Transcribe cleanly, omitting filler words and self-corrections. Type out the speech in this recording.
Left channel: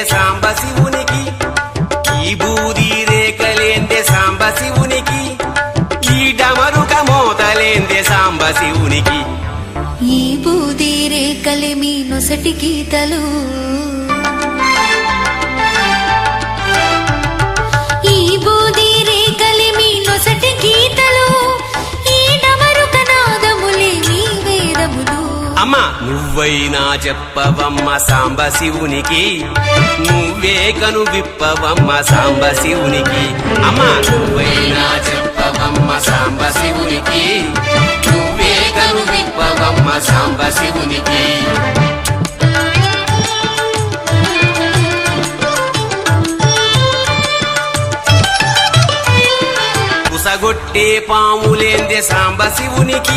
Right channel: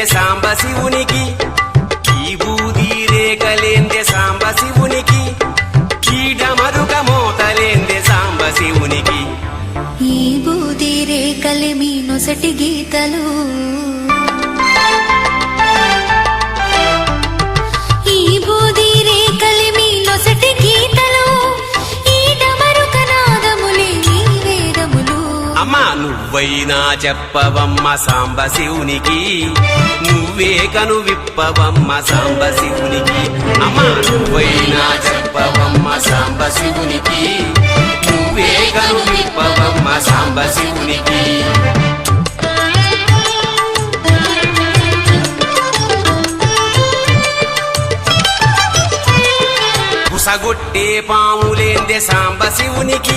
రేగలేందే సాంబ శివునికి, ఈ బూది రేగలేందే సాంబ శివునికి, ఈట మరుక మోతలేందే సాంబ శివునికి. ఈ బూది రేకలి మీ నొసటి గీతలు, ఈ బూది రేకలి మీ నొసటి గీతలు, ఈడ మరొక నాదములే నీ వేదములు. అమ్మా నువ్వైనా చెప్పవమ్మ సాంబ శివునికి, నువ్వే గలు విప్పవమ్మ సాంబ శివునికి. అమ్మా నువ్వైనా చెప్పవమ్మ సాంబ శివునికి, నువ్వే గలు విప్పవమ్మ సాంబ శివునికి. కుసగొట్టే పాములేందే సాంబ శివునికి,